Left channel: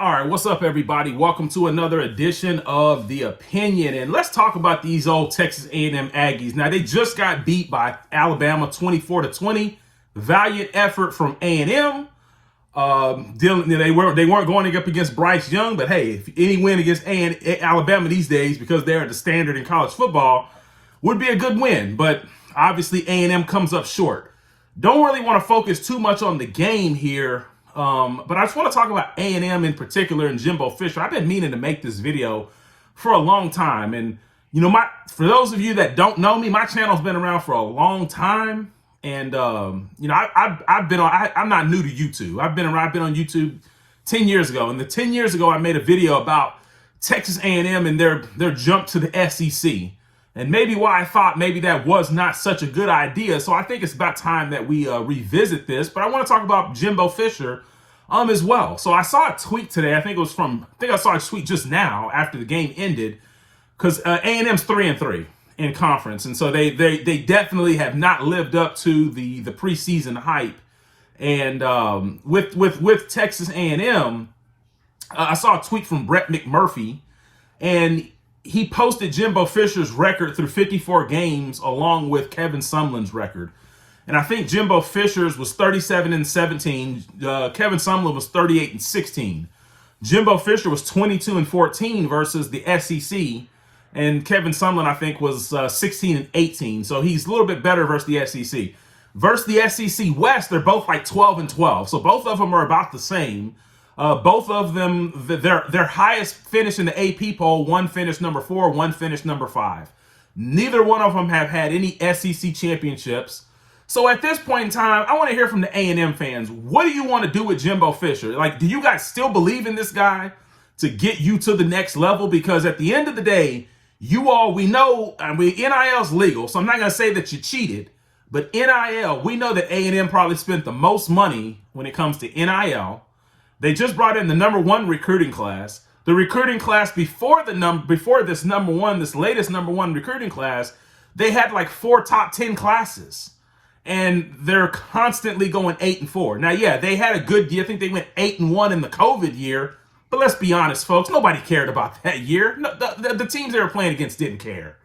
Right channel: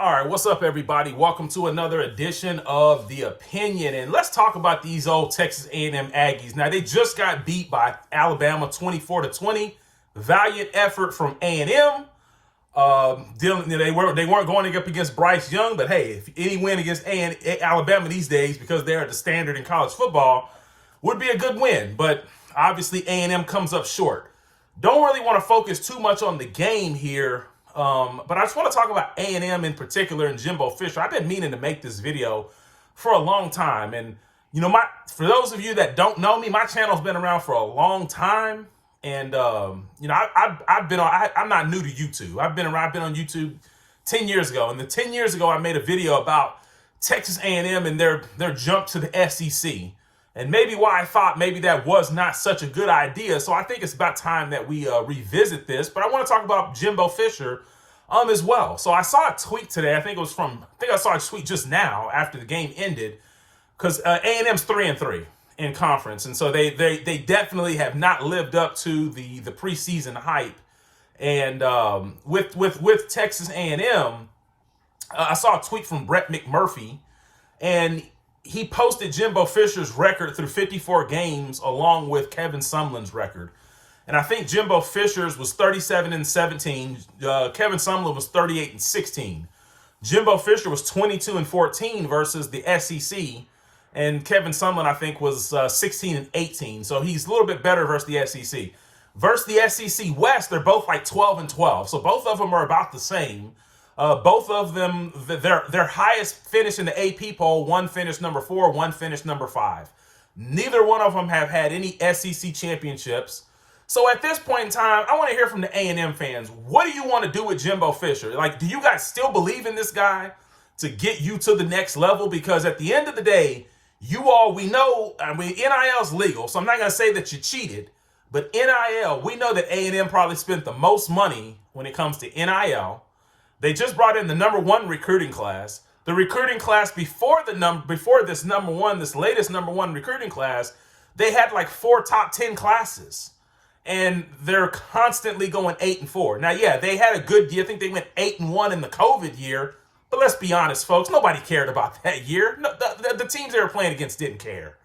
All right, what's up, everybody? Welcome to another edition of The Opinion, and let's talk about these old Texas A&M Aggies. Now, they just got beat by Alabama 24-20. Valiant effort from A&M. They weren't going up against Bryce Young, but hey, if any win against Alabama these days, because they're the standard in college football, would be a good win. But obviously, A&M comes up short. Don't really want to focus too much on the game here. But I just want to talk about A&M in particular and Jimbo Fisher. I've been meaning to make this video for a long time. And, for those of you that don't know me, my channel's been around for a long time. And, I'm not new to YouTube. I've been on YouTube 10 years ago. And 10 years ago, I made a video about Texas A&M and their jump to the SEC. And maybe why I thought maybe that was not such a good idea. So I think it's about time that we revisit this. But I want to talk about Jimbo Fisher as well. So I saw a tweet today. I think I saw a tweet just now after the game ended, because A&M's 3-3 in conference. And so they definitely have not lived up to the preseason hype. And with Texas A&M, I saw a tweet from Brett McMurphy, and he posted Jimbo Fisher's record through 54 games along with Kevin Sumlin's record. And I think Jimbo Fisher's was 37-17. Kevin Sumlin was 38-16. Jimbo Fisher was 22-14 versus the SEC. And Kevin Sumlin, I think, was 16-18. So he's a little bit better versus the SEC. Versus the SEC West, they're both like 12-12. So both of them are about the same. Both of them, their highest finish in the AP poll, one finished number 4, one finished number 5. Neither one of them have had any SEC championships. So at this point in time, I want to hear from the A&M fans. What do you want to do with Jimbo Fisher? Like, do you guys still believe in this guy to get you to the next level? Because at the end of the day, we know, NIL's legal, so I'm not going to say that you cheated. But NIL, we know that A&M probably spent the most money when it comes to NIL. They just brought in the number 1 recruiting class. The recruiting class before this latest number 1 recruiting class, they had like 4 top 10 classes. And they're constantly going 8-4. Now, yeah, they had a good year. I think they went 8-1 in the COVID year. But let's be honest, folks, nobody cared about that year. No, the teams they were playing against didn't care.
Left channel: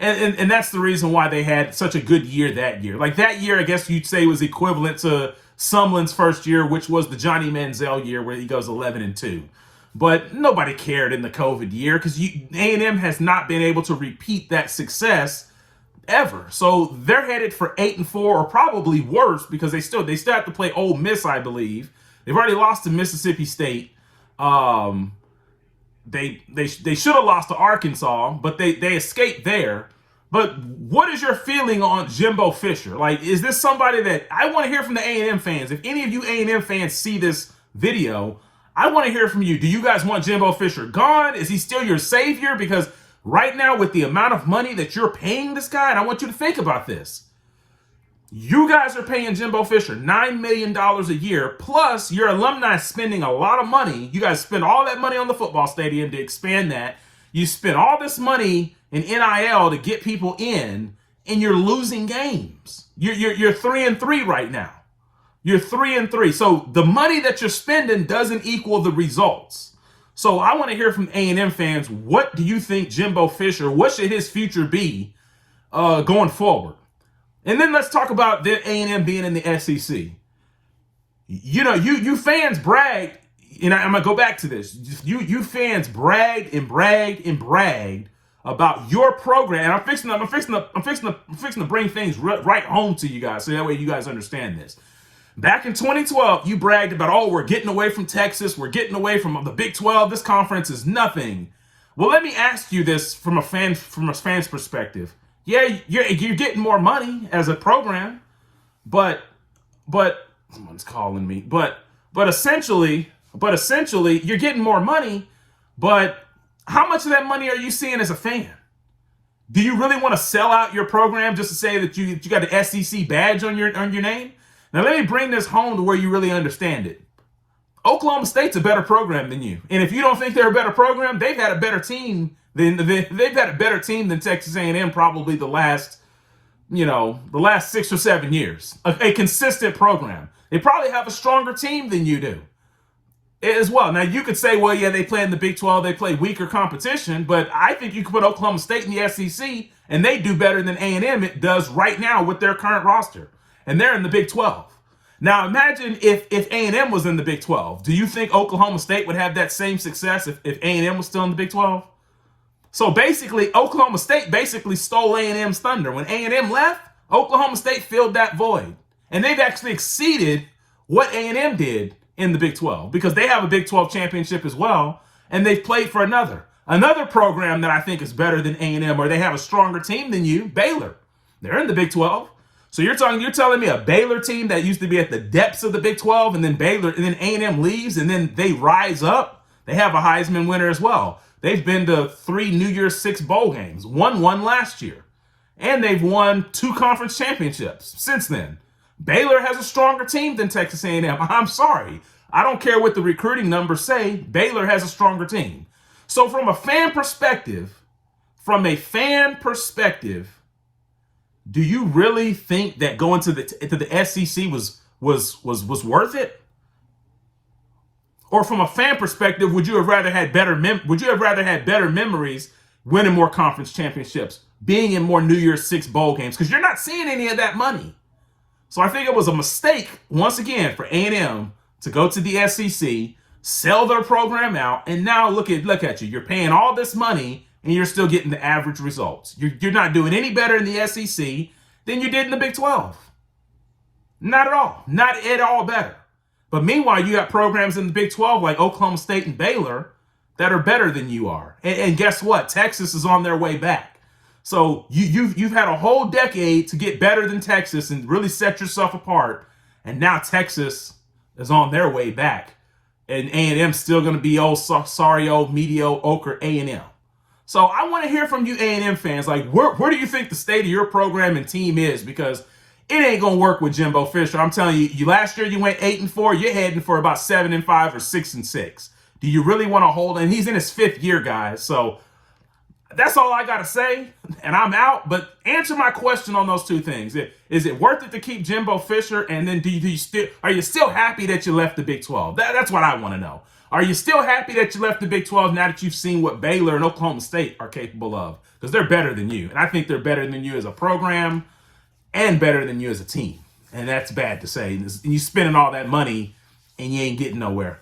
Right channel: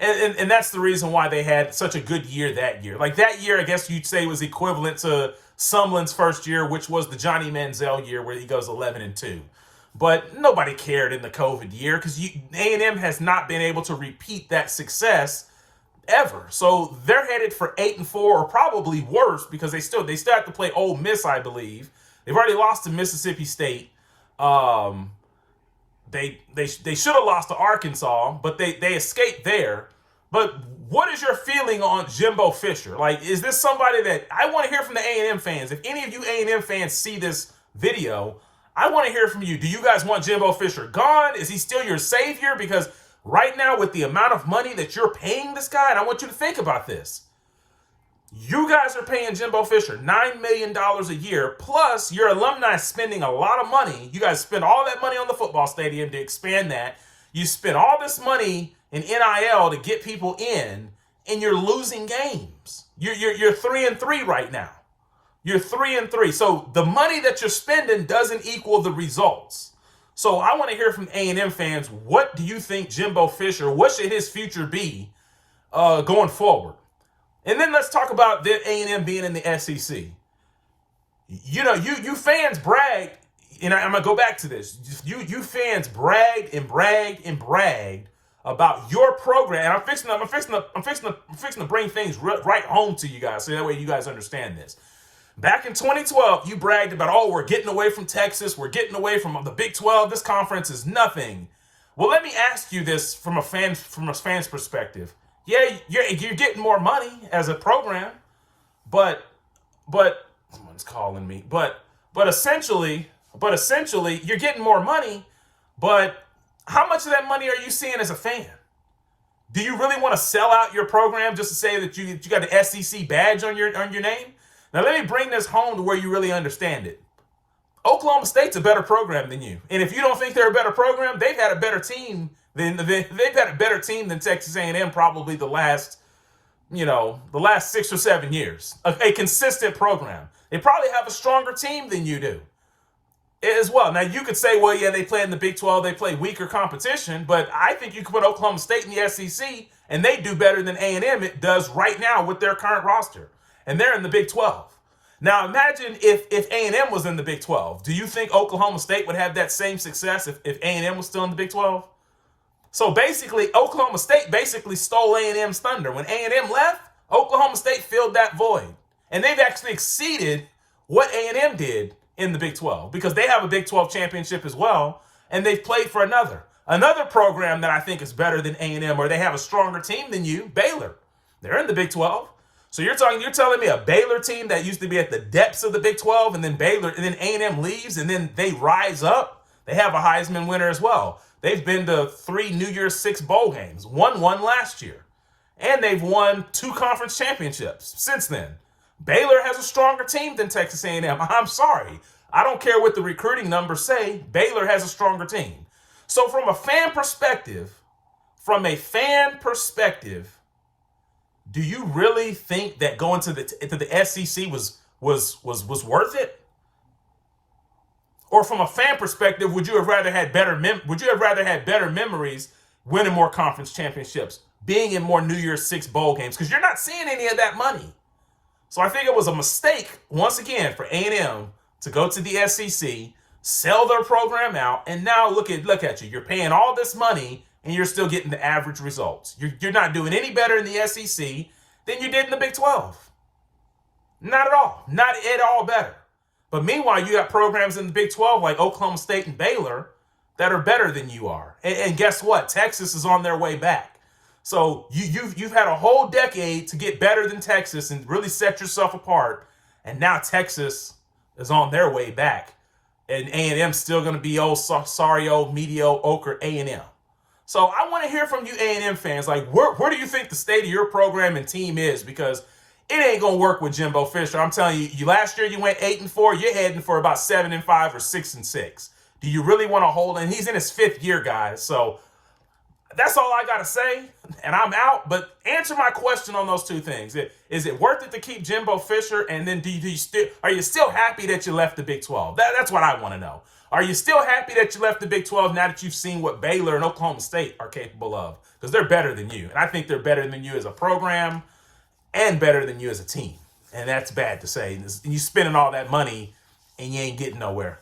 And that's the reason why they had such a good year that year. Like that year, I guess you'd say was equivalent to Sumlin's first year, which was the Johnny Manziel year where he goes 11-2. But nobody cared in the COVID year because A&M has not been able to repeat that success ever. So they're headed for 8-4 or probably worse because they still have to play Ole Miss, I believe. They've already lost to Mississippi State. They should have lost to Arkansas, but they escaped there. But what is your feeling on Jimbo Fisher? Like, is this somebody that I want to hear from the A&M fans? If any of you A&M fans see this video, I want to hear from you. Do you guys want Jimbo Fisher gone? Is he still your savior? Because right now, with the amount of money that you're paying this guy, and I want you to think about this. You guys are paying Jimbo Fisher $9 million a year, plus your alumni spending a lot of money. You guys spend all that money on the football stadium to expand that. You spend all this money in NIL to get people in, and you're losing games. You're 3-3 right now. You're 3-3. So the money that you're spending doesn't equal the results. So I want to hear from A&M fans. What do you think Jimbo Fisher, what should his future be going forward? And then let's talk about the A&M being in the SEC. You fans bragged, and I'm going to go back to this. You fans bragged and bragged and bragged about your program. And I'm fixing to bring things right home to you guys so that way you guys understand this. Back in 2012, you bragged about, we're getting away from Texas. We're getting away from the Big 12. This conference is nothing. Well, let me ask you this from a fan's perspective. Yeah, you're getting more money as a program, but someone's calling me. But essentially, you're getting more money. But how much of that money are you seeing as a fan? Do you really want to sell out your program just to say that you got the SEC badge on your name? Now, let me bring this home to where you really understand it. Oklahoma State's a better program than you. And if you don't think they're a better program, they've had a better team than Texas A&M probably the last 6 or 7 years. A consistent program. They probably have a stronger team than you do. as well. Now, you could say, well, yeah, they play in the Big 12, they play weaker competition, but I think you could put Oklahoma State in the SEC, and they do better than A&M it does right now with their current roster, and they're in the Big 12. Now, imagine if A&M was in the Big 12. Do you think Oklahoma State would have that same success if A&M was still in the Big 12? So basically, Oklahoma State basically stole A&M's thunder. When A&M left, Oklahoma State filled that void, and they've actually exceeded what A&M did in the Big 12 because they have a Big 12 championship as well, and they've played for another program that I think is better than A&M, or they have a stronger team than you, Baylor. They're in the Big 12. So you're telling me a Baylor team that used to be at the depths of the Big 12, and then A&M leaves, and then they rise up. They have a Heisman winner as well. They've been to 3 New Year's 6 bowl games, won one last year, and they've won 2 conference championships since then. Baylor has a stronger team than Texas A&M. I'm sorry. I don't care what the recruiting numbers say. Baylor has a stronger team. So from a fan perspective, do you really think that going to the SEC was worth it? Or from a fan perspective, would you have rather had better memories, winning more conference championships, being in more New Year's 6 bowl games? Because you're not seeing any of that money. So I think it was a mistake, once again, for A&M to go to the SEC, sell their program out, and now look at you. You're paying all this money, and you're still getting the average results. You're not doing any better in the SEC than you did in the Big 12. Not at all. Not at all better. But meanwhile, you have programs in the Big 12 like Oklahoma State and Baylor that are better than you are. And guess what? Texas is on their way back. So you've had a whole decade to get better than Texas and really set yourself apart. And now Texas is on their way back. And A&M's still going to be sorry old mediocre A&M. So I want to hear from you A&M fans. Like, where do you think the state of your program and team is? Because it ain't going to work with Jimbo Fisher. I'm telling you, last year you went 8-4. You're heading for about 7-5 or 6-6. Do you really want to hold? And he's in his 5th year, guys. So that's all I got to say. And I'm out. But answer my question on those 2 things. Is it worth it to keep Jimbo Fisher? And then are you still happy that you left the Big 12? That's what I want to know. Are you still happy that you left the Big 12 now that you've seen what Baylor and Oklahoma State are capable of? Because they're better than you. And I think they're better than you as a program and better than you as a team. And that's bad to say. You spending all that money and you ain't getting nowhere.